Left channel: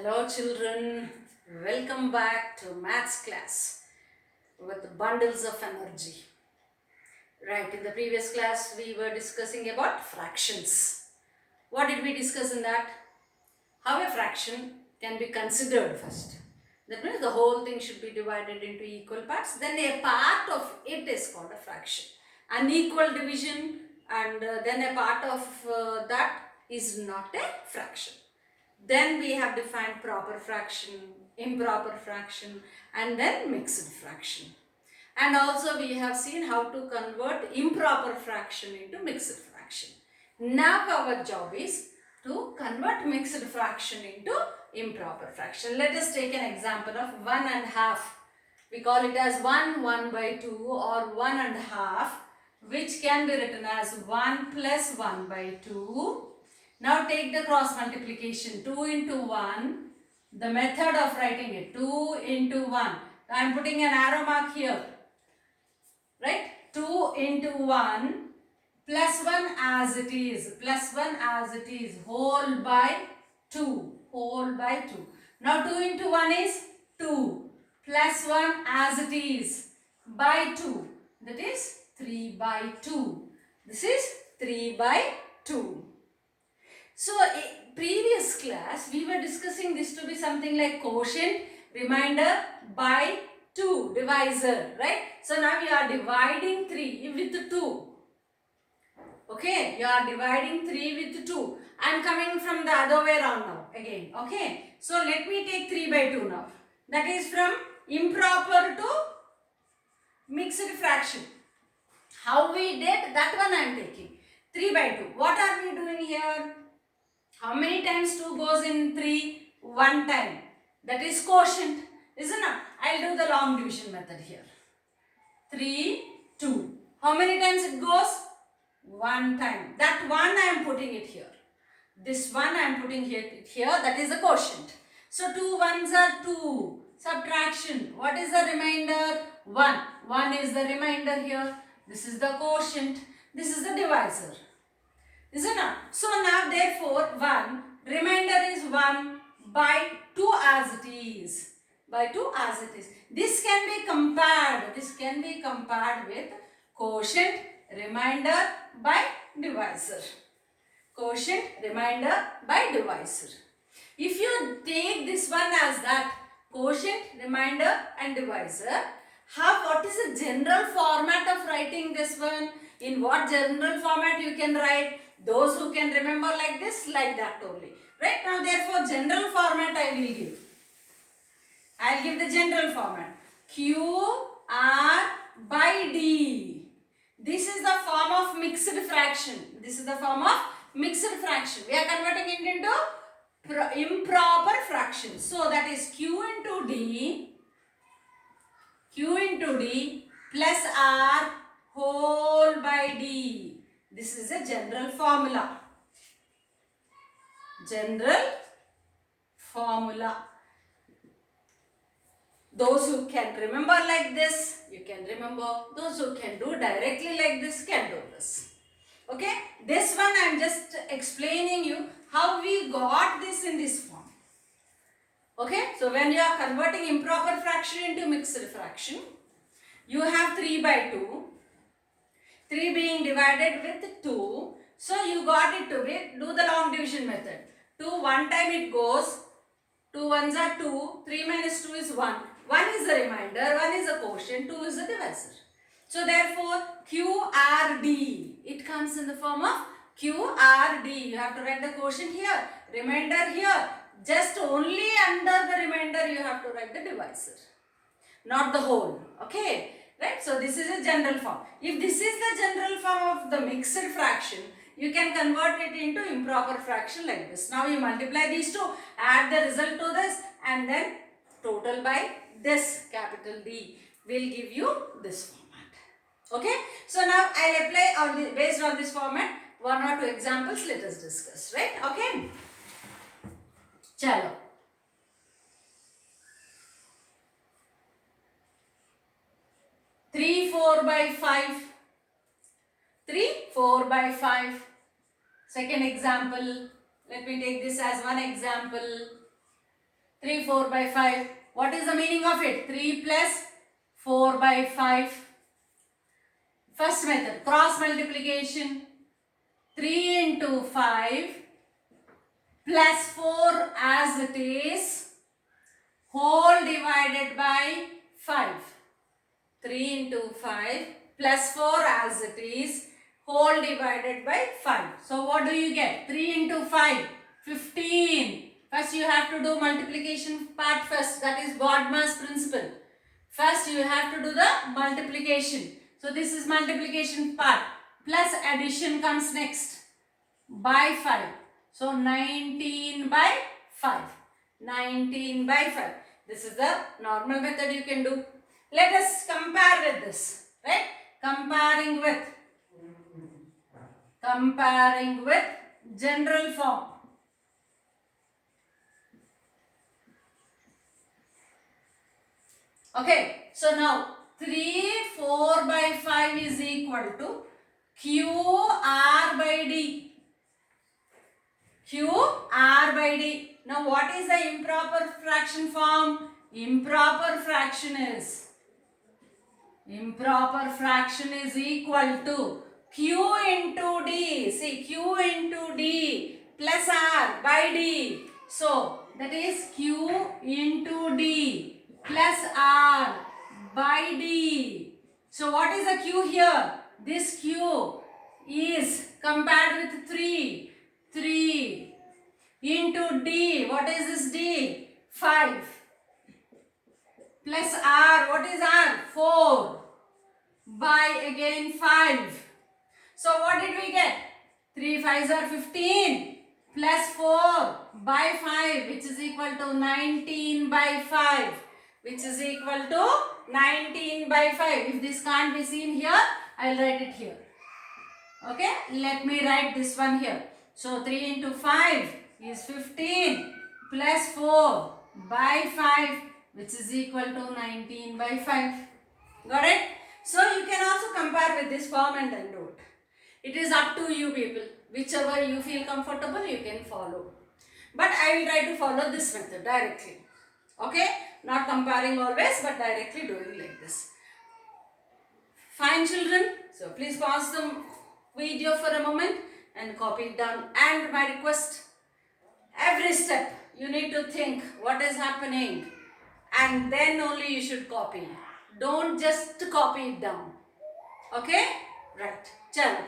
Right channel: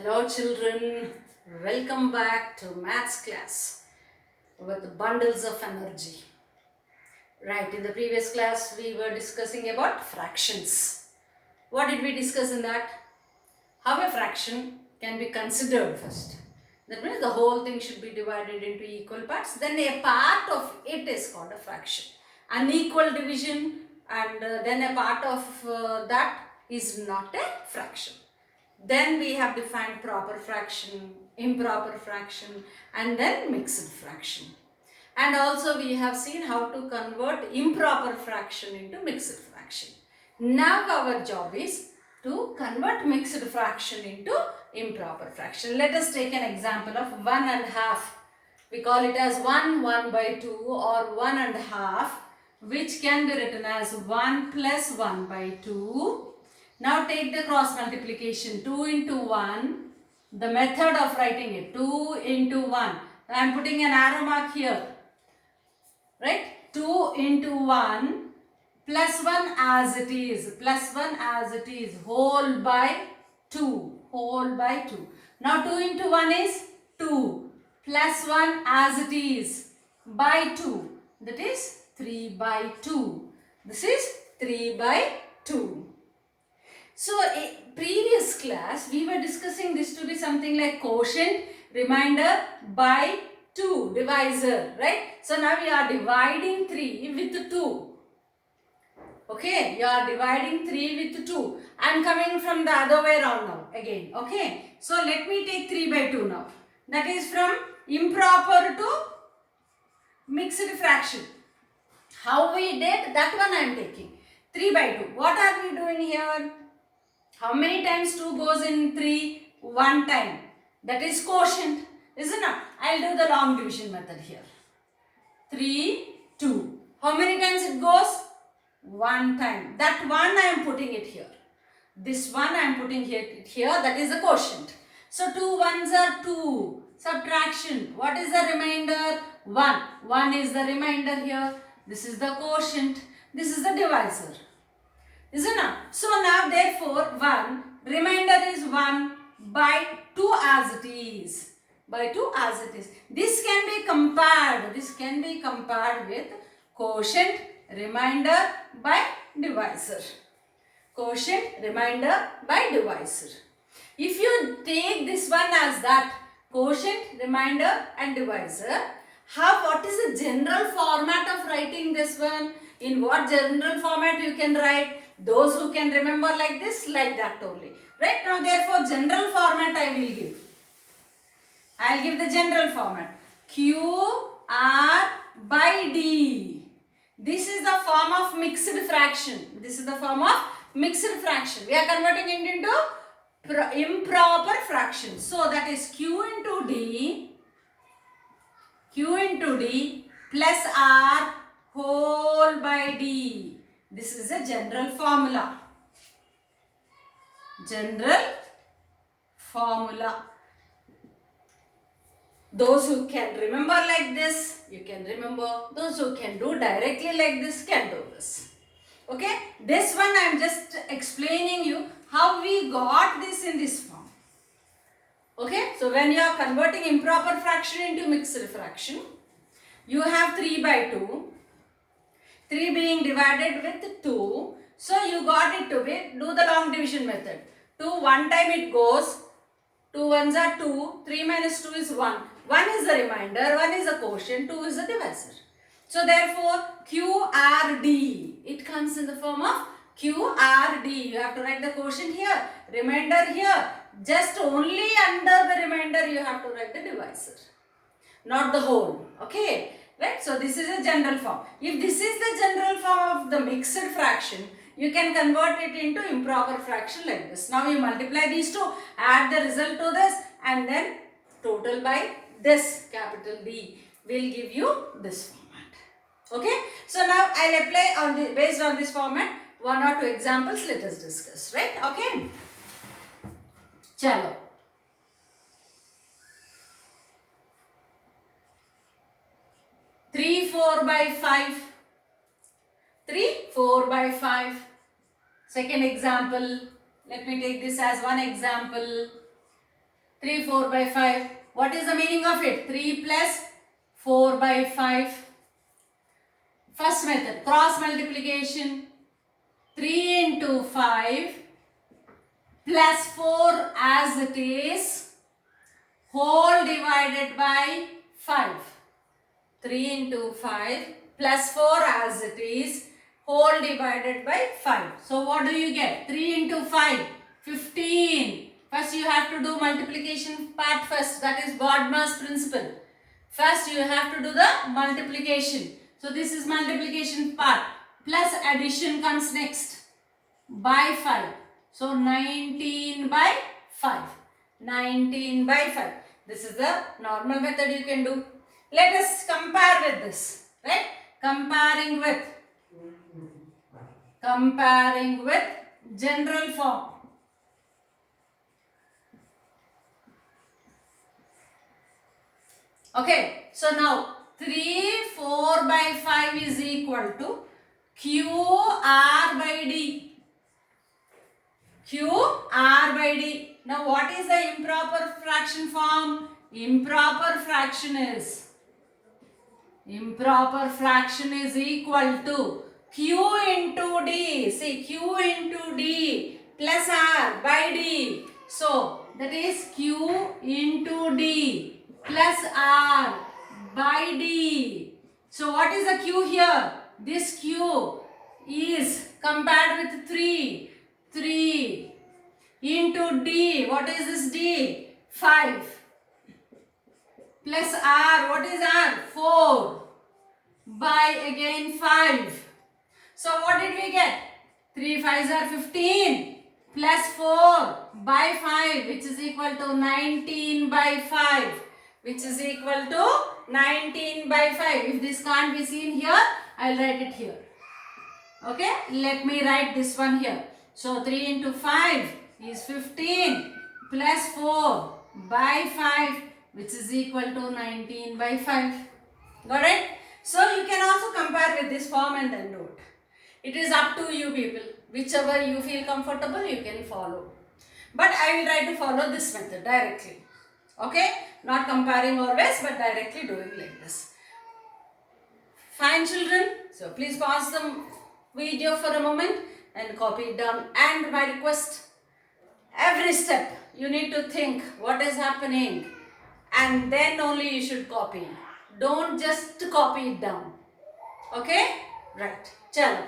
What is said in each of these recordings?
Hello children, welcome back to maths class with bundles of energy. Right, in the previous class we were discussing about fractions. What did we discuss in that? How a fraction can be considered first. That means the whole thing should be divided into equal parts. Then a part of it is called a fraction. Unequal division and then a part of that is not a fraction. Then we have defined proper fraction, improper fraction, and then mixed fraction. And also we have seen how to convert improper fraction into mixed fraction. Now our job is to convert mixed fraction into improper fraction. Let us take an example of 1.5. We call it as 1/2 or 1.5, which can be written as 1 plus 1/2. Now take the cross multiplication, 2 into 1. The method of writing it, 2 into 1. I am putting an arrow mark here. Right? 2 into 1 plus 1 as it is. Plus 1 as it is. Whole by 2. Whole by 2. Now 2 into 1 is 2. Plus 1 as it is. By 2. That is 3/2. This is 3/2. So, in previous class, we were discussing this to be something like quotient, remainder by 2, divisor, right? So, now we are dividing 3 with 2. Okay, you are dividing 3 with 2. I am coming from the other way around now, again, okay? So, let me take 3/2 now. That is from improper to mixed fraction. How we did, that one I am taking. 3/2. What are we doing here? How many times 2 goes in 3? 1 time. That is quotient, isn't it? I'll do the long division method here. 3, 2. How many times it goes? 1 time. That one I am putting it here. This one I am putting here. That is the quotient. So 2 ones are 2. Subtraction. What is the remainder? 1. 1 is the remainder here. This is the quotient. This is the divisor. Isn't it? So now therefore 1, remainder is 1/2 as it is. By 2 as it is. This can be compared. This can be compared with quotient, remainder by divisor. Quotient, remainder by divisor. If you take this one as that, quotient, remainder and divisor, what is the general format of writing this one? In what general format you can write? Those who can remember like this, like that only. Right? Now therefore general format I will give. I will give the general format. QR by D. This is the form of mixed fraction. This is the form of mixed fraction. We are converting it into improper fraction. So that is Q into D plus R whole by D. This is a general formula. General formula. Those who can remember like this, you can remember. Those who can do directly like this, can do this. Okay? This one I am just explaining you how we got this in this form. Okay? So when you are converting improper fraction into mixed fraction, you have 3/2. 3 being divided with 2. So you got it to be, do the long division method. 2, 1 time it goes. 2 ones are 2. 3 minus 2 is 1. 1 is the remainder. 1 is the quotient. 2 is the divisor. So therefore QRD. It comes in the form of QRD. You have to write the quotient here. Remainder here. Just only under the remainder you have to write the divisor. Not the whole. Okay. Right? So this is a general form. If this is the general form of the mixed fraction, you can convert it into improper fraction like this. Now you multiply these two, add the result to this, and then total by this capital D will give you this format. Okay? So now I'll apply on the, based on this format, 1 or 2 examples let us discuss. Right? Okay? Chalo. 3 4/5. 3 4/5. Second example. Let me take this as one example. 3 4 by 5. What is the meaning of it? 3 plus 4 by 5. First method, cross multiplication. 3 into 5 plus 4 as it is, whole divided by 5. 3 into 5 plus 4 as it is, whole divided by 5. So what do you get? 3 into 5, 15. First you have to do multiplication part first. That is Bodmer's principle. First you have to do the multiplication. So this is multiplication part. Plus addition comes next. By 5. So 19 by 5. 19 by 5. This is the normal method you can do. Let us compare with this. Right? Comparing with general form. Okay, so now 3 4 by 5 is equal to QR by D. QR by D. Now what is the improper fraction form? Improper fraction is equal to Q into D. See, Q into D plus R by D. So that is Q into D plus R by D. So what is the Q here? This Q is compared with 3. 3 into D. What is this D? 5. Plus R. What is R? 4. By again 5. So what did we get? 3 5s are 15. Plus 4 by 5, which is equal to 19 by 5. Which is equal to 19 by 5. If this can't be seen here, I will write it here. Okay, let me write this one here. So 3 into 5 is 15 plus 4 by 5, which is equal to 19 by 5. Got it? So you can also compare with this form and then do it. It is up to you people. Whichever you feel comfortable, you can follow. But I will try to follow this method directly. Okay? Not comparing always, but directly doing like this. Fine, children. So please pause the video for a moment and copy it down. And my request, every step you need to think what is happening and then only you should copy. Don't just copy it down. Okay? Right. Chalo.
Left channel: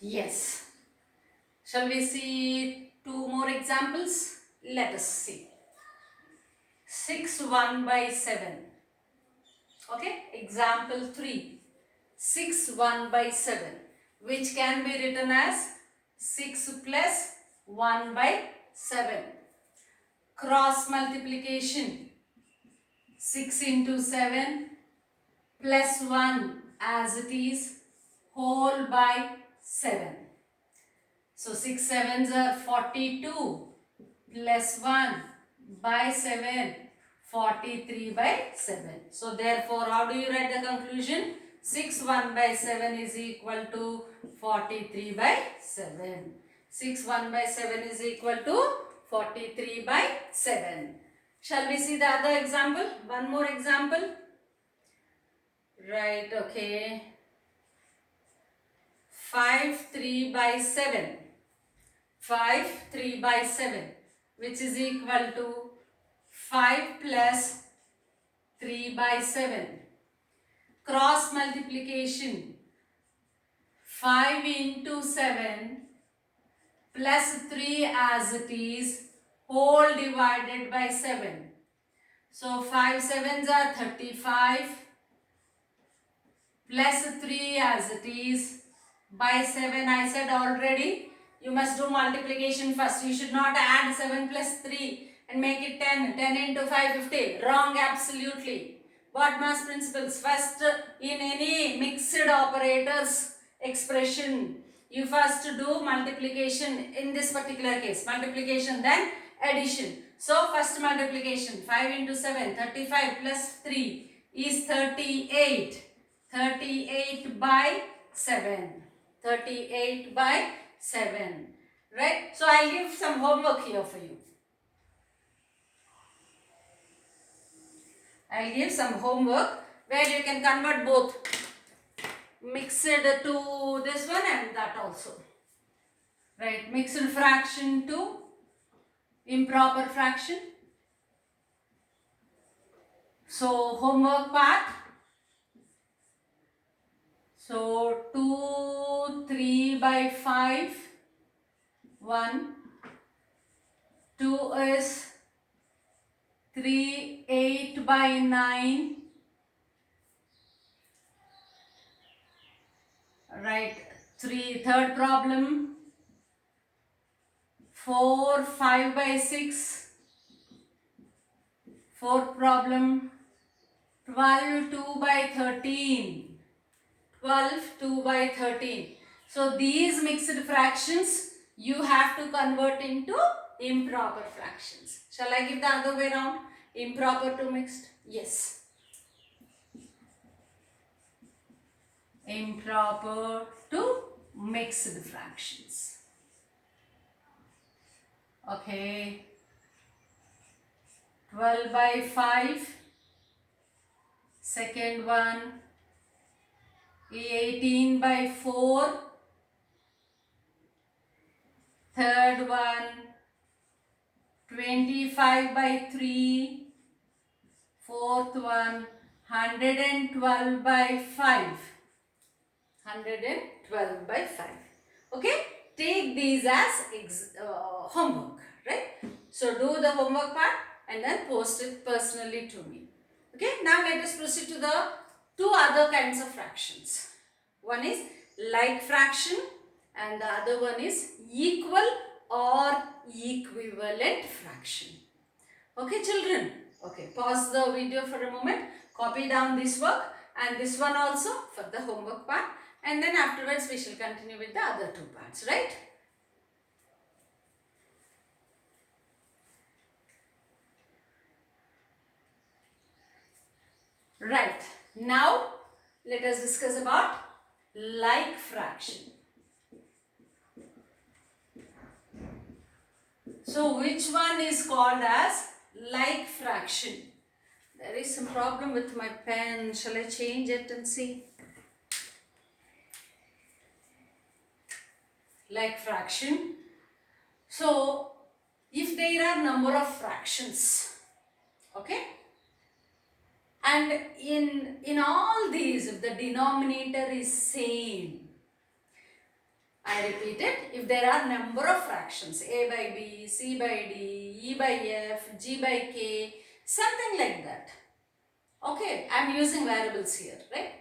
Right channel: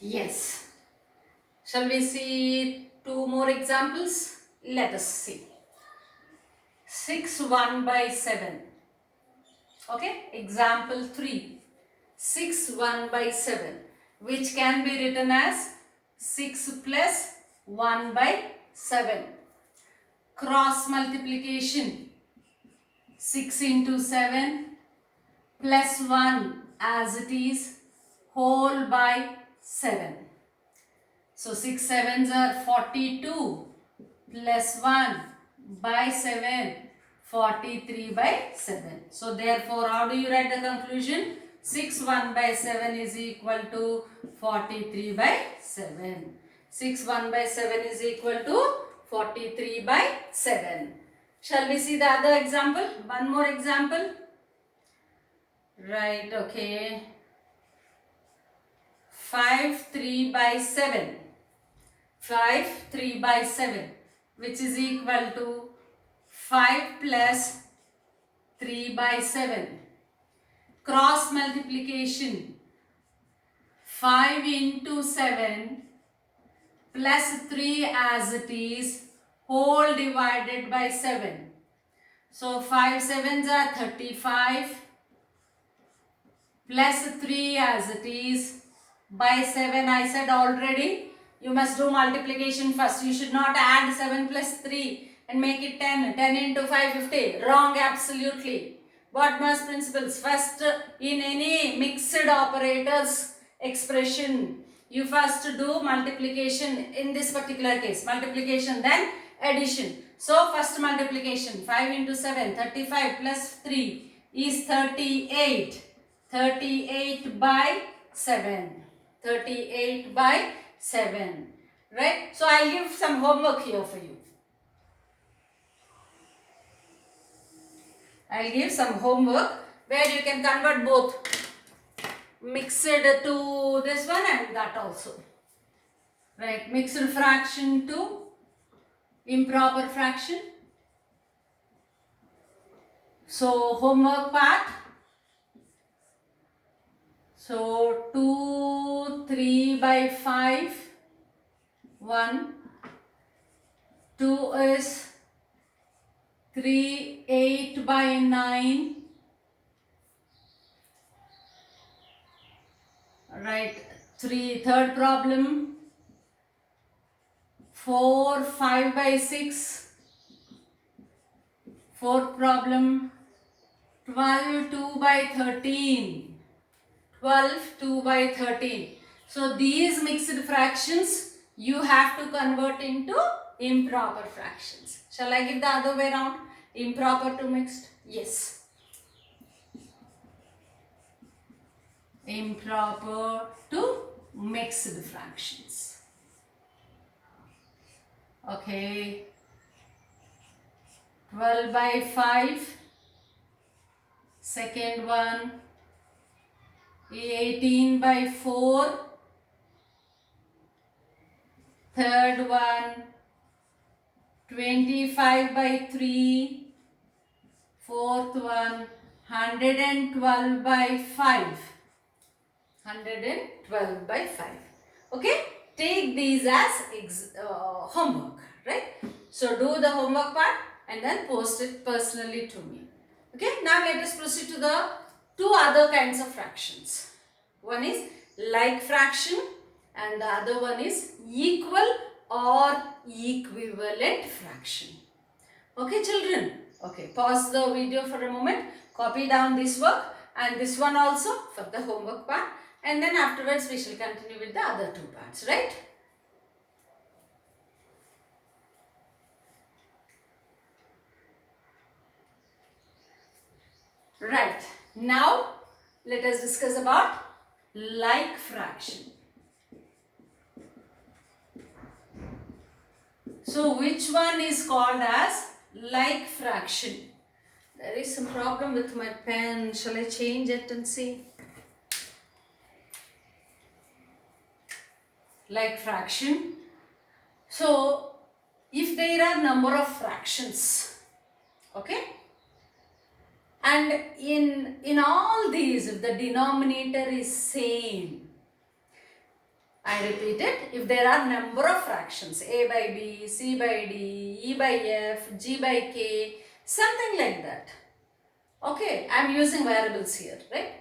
Yes. Shall we see 2 more examples? Let us see. 6 1 by 7. Okay, example 3. 6 1 by 7, which can be written as 6 plus 1 by 7. Cross multiplication. 6 into 7 plus 1 as it is, whole by 7. So 6 sevens are 42 plus 1 by 7, 43 by 7. So therefore, how do you write the conclusion? 6 1 by 7 is equal to 43 by 7. 6 1 by 7 is equal to 43 by 7. Shall we see the other example? One more example. Right, okay. 5 3 by 7. 5 3 by 7, which is equal to 5 plus 3 by 7. Cross multiplication. 5 into 7 plus 3 as it is, whole divided by 7. So 5 sevens are 35 plus 3 as it is by 7. I said already, you must do multiplication first. You should not add 7 plus 3 and make it 10. 10 into 5, 50. Wrong, absolutely. Bodmer's principles. First, in any mixed operators expression, you first do multiplication. In this particular case, multiplication, then addition. So, first multiplication. 5 into 7, 35 plus 3 is 38. 38 by 7. 38 by 7. Right? So I'll give some homework here for you. I'll give some homework where you can convert both mixed to this one and that also. Right? Mixed fraction to improper fraction. So homework part. So 2, 3 by 5, 1, 2 is 3, 8 by 9, right, third problem, 4, 5 by 6, fourth problem, 12, 2 by 13, 12, 2 by 13. So these mixed fractions you have to convert into improper fractions. Shall I give the other way around? Improper to mixed? Yes. Improper to mixed fractions. Okay. 12 by 5. Second one. 18 by 4. Third one. 25 by 3. Fourth one. 112 by 5. 112 by 5. Okay, take these as homework, right? So do the homework part and then post it personally to me. Okay, now let us proceed to the two other kinds of fractions. One is like fraction and the other one is equal or equivalent fraction. Okay, children? Okay, pause the video for a moment, copy down this work and this one also for the homework part. And then afterwards we shall continue with the other two parts, right? Right. Now let us discuss about like fraction. So which one is called as like fraction? There is some problem with my pen. Shall I change it and see? Like fraction. So if there are number of fractions, okay, and in all these if the denominator is same, I repeat it, if there are number of fractions a by b, c by d, e by f, g by k, something like that, okay, I am using variables here, right?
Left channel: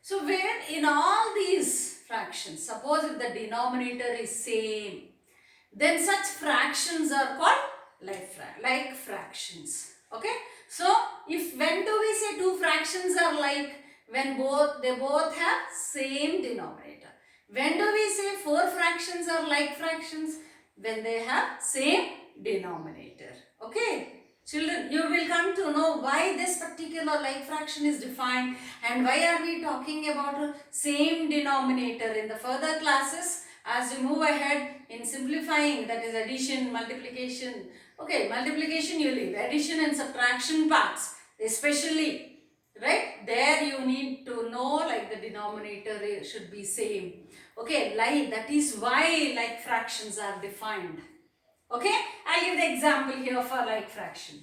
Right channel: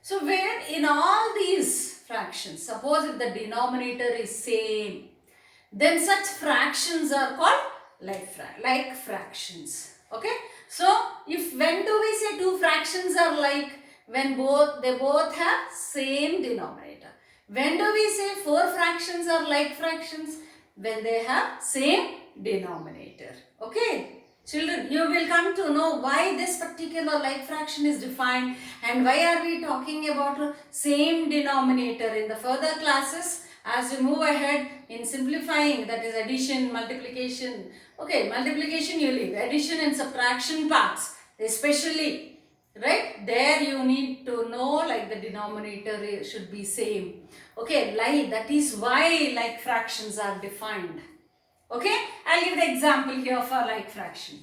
So where in all these fractions, suppose if the denominator is same, then such fractions are called like fractions. Okay. So if when do we say two fractions are like? When they both have same denominator. When do we say four fractions are like fractions? When they have same denominator. Okay. Children, you will come to know why this particular like fraction is defined and why are we talking about a same denominator in the further classes as we move ahead in simplifying, that is addition, multiplication. Okay, multiplication you leave, addition and subtraction parts especially, right? There you need to know like the denominator should be same. Okay, like that is why like fractions are defined. Okay, I'll give the example here for like fraction.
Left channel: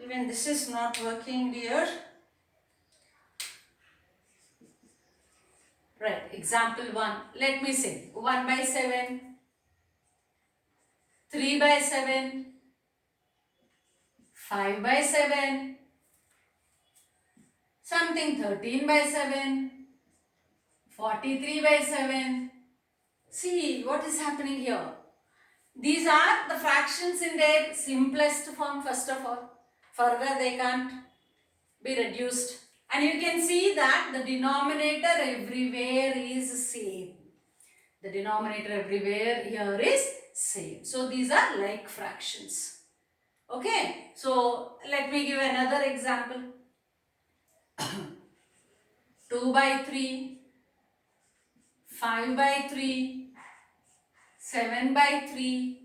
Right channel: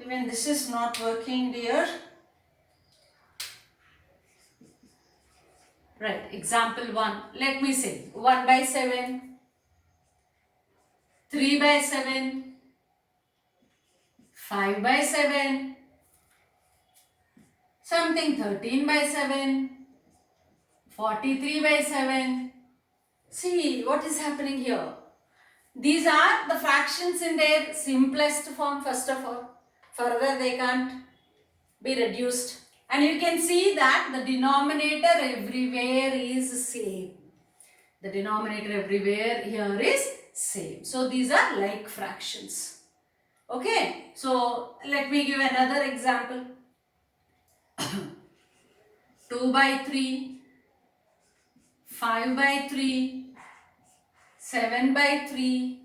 Even this is not working, dear. Right, example 1. Let me say 1 by 7, 3 by 7, 5 by 7, something 13 by 7, 43 by 7. See what is happening here. These are the fractions in their simplest form first of all. Further they can't be reduced. And you can see that the denominator everywhere is same. The denominator everywhere here is same. So these are like fractions. Okay. So let me give another example. 2 by 3, 5 by 3, 7 by 3.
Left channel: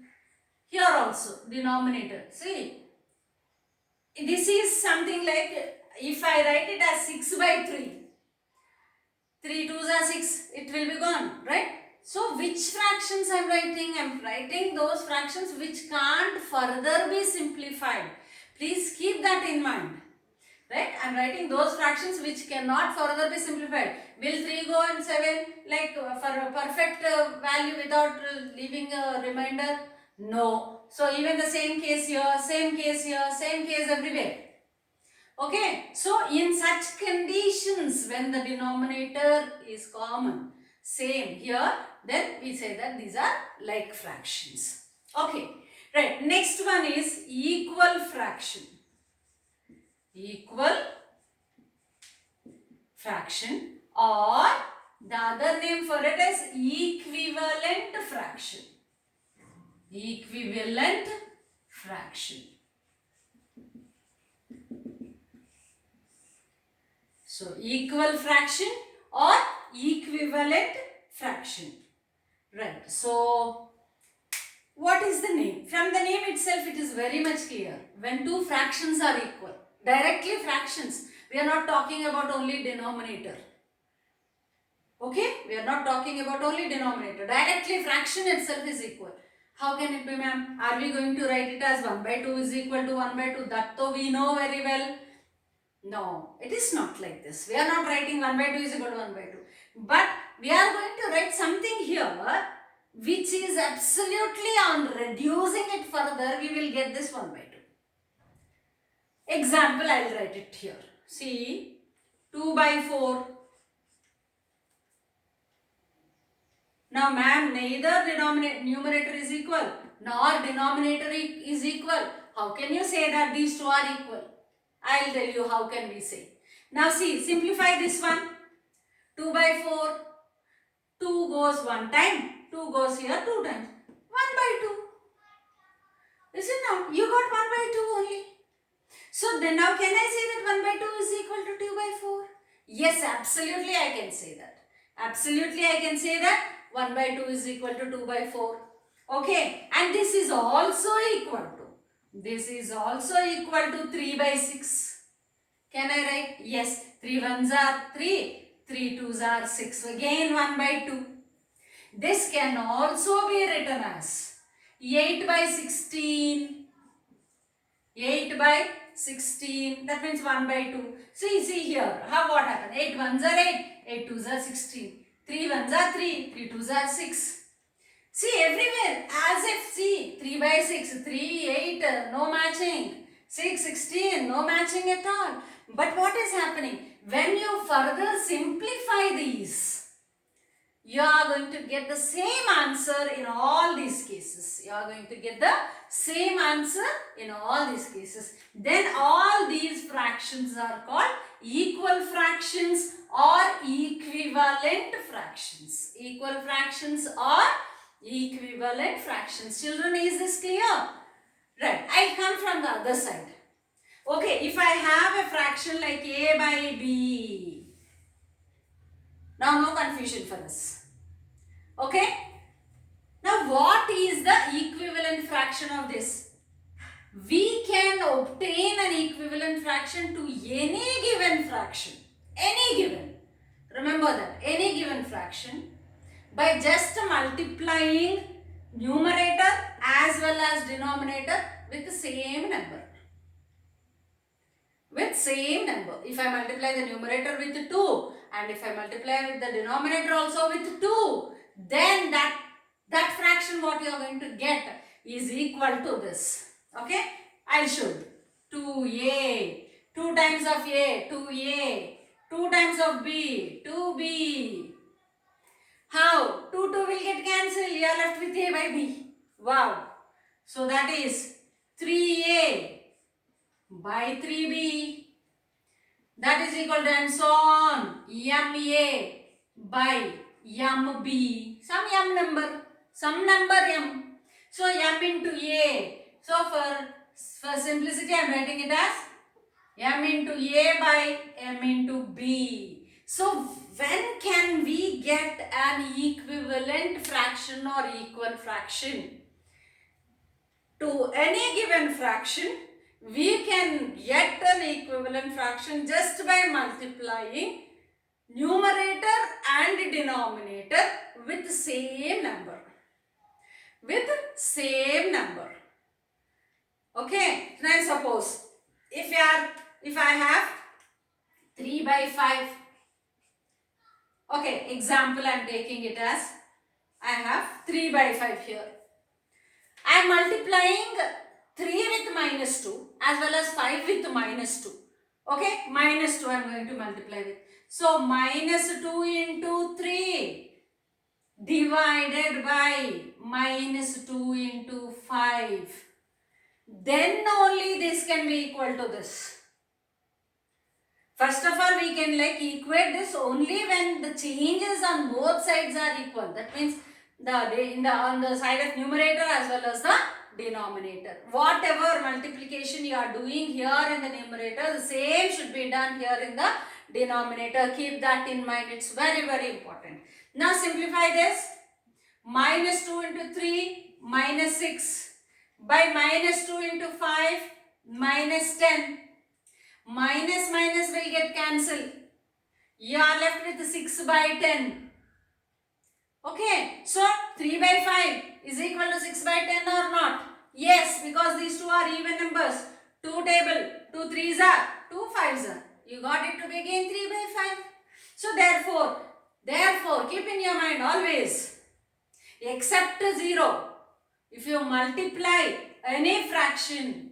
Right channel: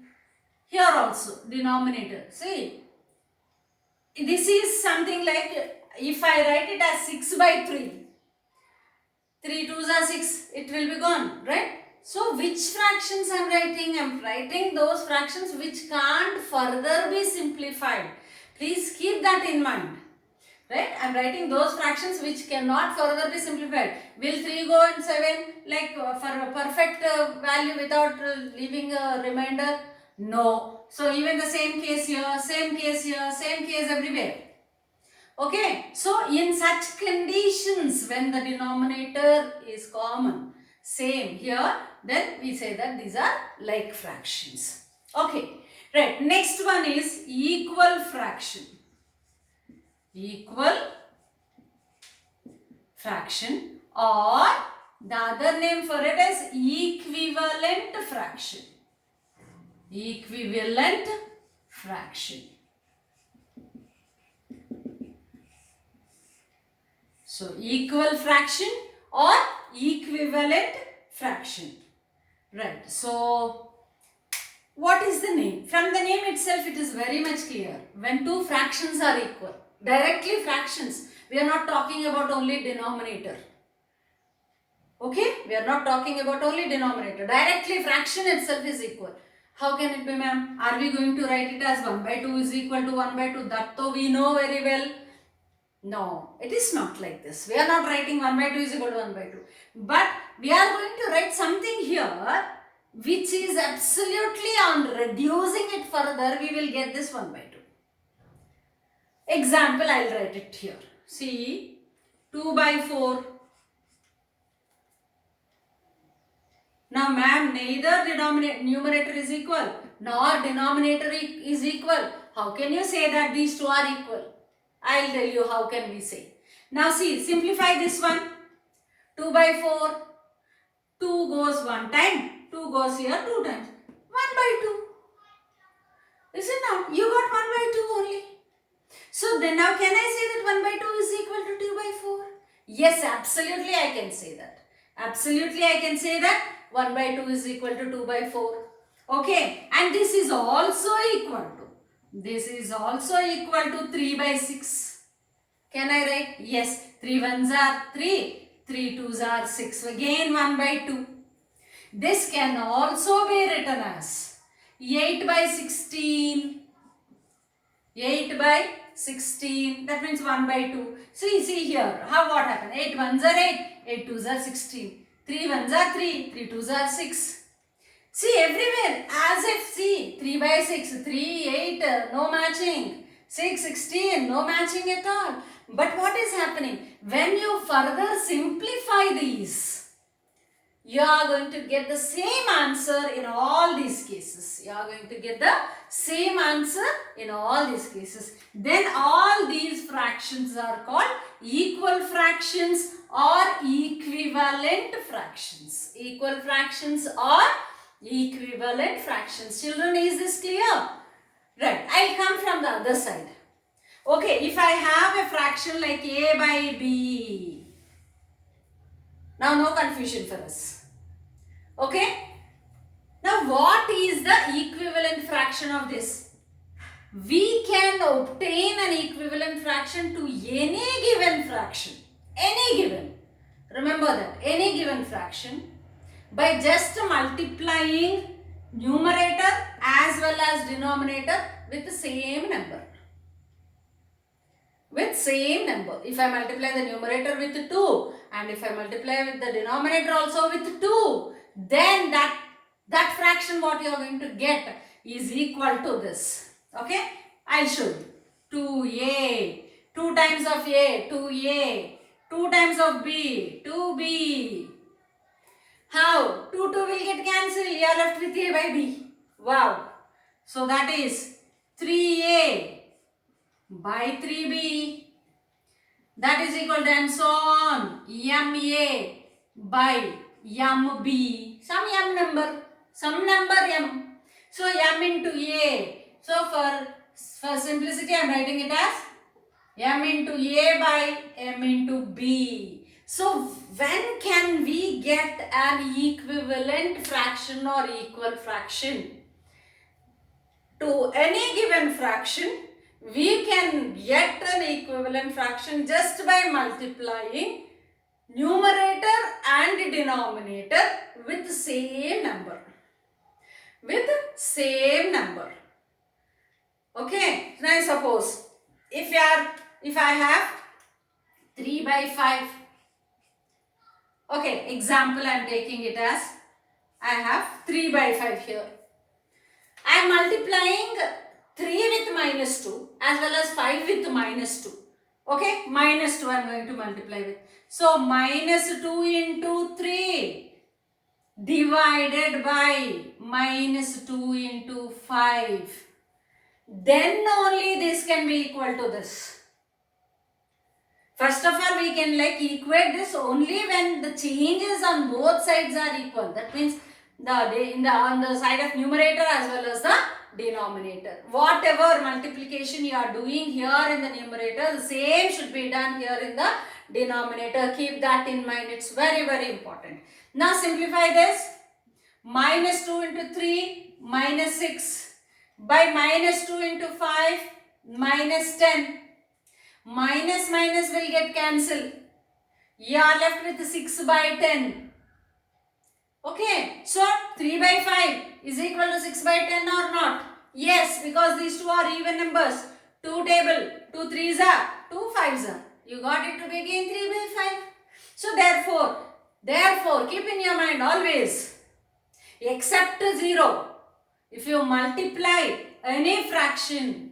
Here also denominator. See, this is something like, if I write it as 6 by 3, 3 2s are 6, it will be gone, right? So which fractions I am writing? I am writing those fractions which can't further be simplified. Please keep that in mind. Right? I am writing those fractions which cannot further be simplified. Will 3 go in 7 like for a perfect value without leaving a remainder? No. So even the same case here, same case here, same case everywhere. Okay. So in such conditions, when the denominator is common, same here, then we say that these are like fractions. Okay. Right. Next one is equal fraction. Equal fraction, or the other name for it is equivalent fraction. Equivalent fraction. So equal fraction or equivalent fraction. Right. So what is the name? From the name itself it is very much clear. When two fractions are equal, directly fractions, we are not talking about only denominator. Okay, we are not talking about only denominator. Directly fraction itself is equal. How can it be, ma'am? Are we going to write it as 1 by 2 is equal to 1 by 2? That though we know very well. No, it is not like this. We are not writing 1 by 2 is equal to 1 by 2. But we are going to write something here which is absolutely, on reducing it further, we will get this 1 by 2. Example, I will write it here. See, 2 by 4. Now, ma'am, neither numerator is equal nor denominator is equal. How can you say that these two are equal? I will tell you how can we say. Now, see, simplify this one. 2 by 4. 2 goes one time. 2 goes here 2 times. 1 by 2. Listen now, you got 1 by 2 only. So then now can I say that 1 by 2 is equal to 2 by 4? Yes, absolutely I can say that. Absolutely I can say that 1 by 2 is equal to 2 by 4. Okay, and this is also equal to. This is also equal to 3 by 6. Can I write? Yes, 3 ones are 3, 3 twos are 6. Again 1 by 2. This can also be written as 8 by 16. 8 by 16. That means 1 by 2. See here. What happened? 8 ones are 8. 8 twos are 16. 3 ones are 3. 3 twos are 6. See everywhere. As if, see, 3 by 6. 3, 8, no matching. 6, 16, no matching at all. But what is happening? When you further simplify these, you are going to get the same answer in all these cases. You are going to get the same answer in all these cases. Then all these fractions are called equal fractions or equivalent fractions. Equal fractions or equivalent fractions. Children, is this clear? Right. I'll come from the other side. Okay, if I have a fraction like a by b. Now no confusion for us. Okay. Now what is the equivalent fraction of this? We can obtain an equivalent fraction to any given fraction. Any given. Remember that. Any given fraction by just multiplying numerator as well as denominator with the same number. With same number. If I multiply the numerator with 2 and if I multiply with the denominator also with 2, then that fraction what you are going to get is equal to this. Okay? I'll show you. 2a. 2 times of a, 2a. 2 times of b, 2b. How? 2 will get cancelled. You are left with a by b. Wow. So that is 3a by 3b. That is equal to, and so on. ma by mb. Some m number. Some number m. So m into a. So for simplicity I am writing it as m into a by m into b. So when can we get an equivalent fraction or equal fraction? To any given fraction, we can get an equivalent fraction just by multiplying numerator and denominator with same number. With same number. Okay, now suppose if I have 3 by 5. Okay, example I am taking it as I have 3 by 5 here. I am multiplying 3 with minus 2 as well as 5 with minus 2. Okay, minus 2 I am going to multiply with. So minus 2 into 3 divided by minus 2 into 5. Then only this can be equal to this. First of all, we can equate this only when the changes on both sides are equal. That means on the side of numerator as well as the denominator. Whatever multiplication you are doing here in the numerator, the same should be done here in the denominator. Keep that in mind. It's very, very important. Now simplify this. Minus 2 into 3, minus 6. By minus 2 into 5, minus 10. Minus minus will get cancelled. You are left with 6 by 10. Okay, so 3 by 5 is equal to 6 by 10 or not? Yes, because these two are even numbers. 2 table, 2 3s are, 2 5s are. You got it to be again 3 by 5. So therefore, keep in your mind always, except 0, if you multiply any fraction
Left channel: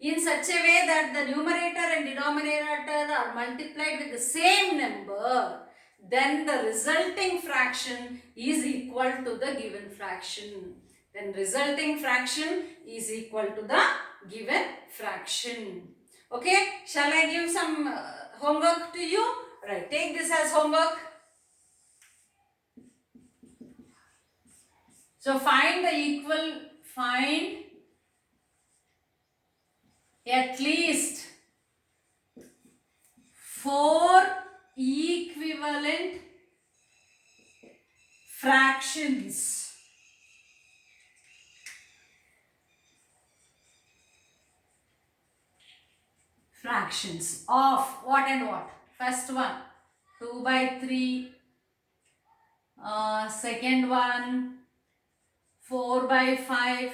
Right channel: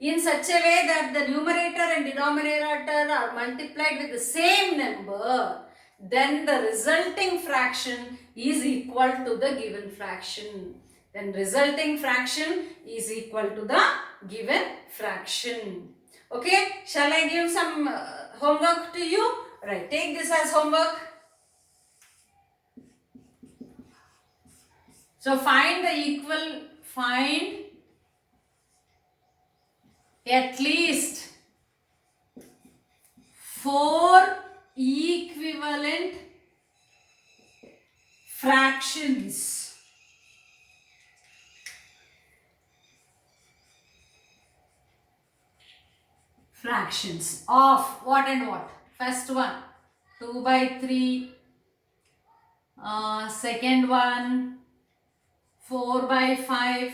in such a way that the numerator and denominator are multiplied with the same number, then the resulting fraction is equal to the given fraction. Then resulting fraction is equal to the given fraction. Okay, shall I give some homework to you? Right, take this as homework. So find at least 4 equivalent fractions. Fractions of what and what? First one 2 by 3, second one 4 by 5,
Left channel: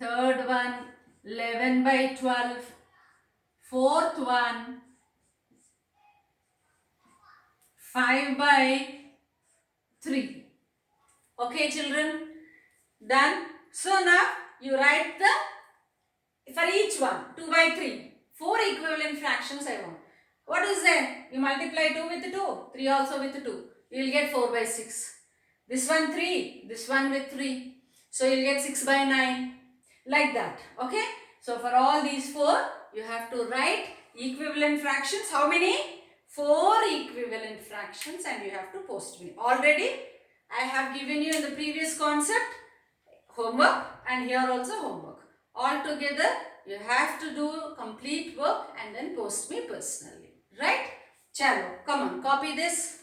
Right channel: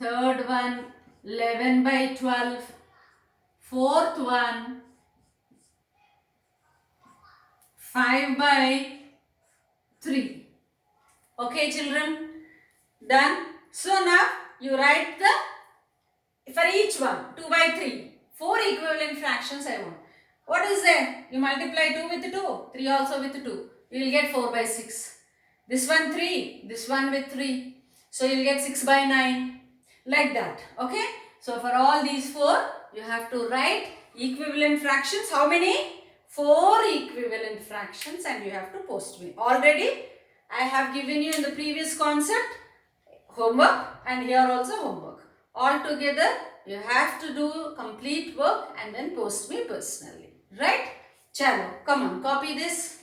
third one 11 by 12, fourth one 5 by 3. Okay children, done. So now you write for each one 2 by 3, 4 equivalent fractions I want. What is there? You multiply 2 with 2, 3 also with 2. You will get 4 by 6. This one 3, this one with 3. So you will get 6 by 9. Like that. Okay. So for all these 4, you have to write equivalent fractions. How many? 4 equivalent fractions, and you have to post me. Already I have given you in the previous concept homework, and here also homework. All together you have to do complete work and then post me personally. Right? Chalo, come on, copy this.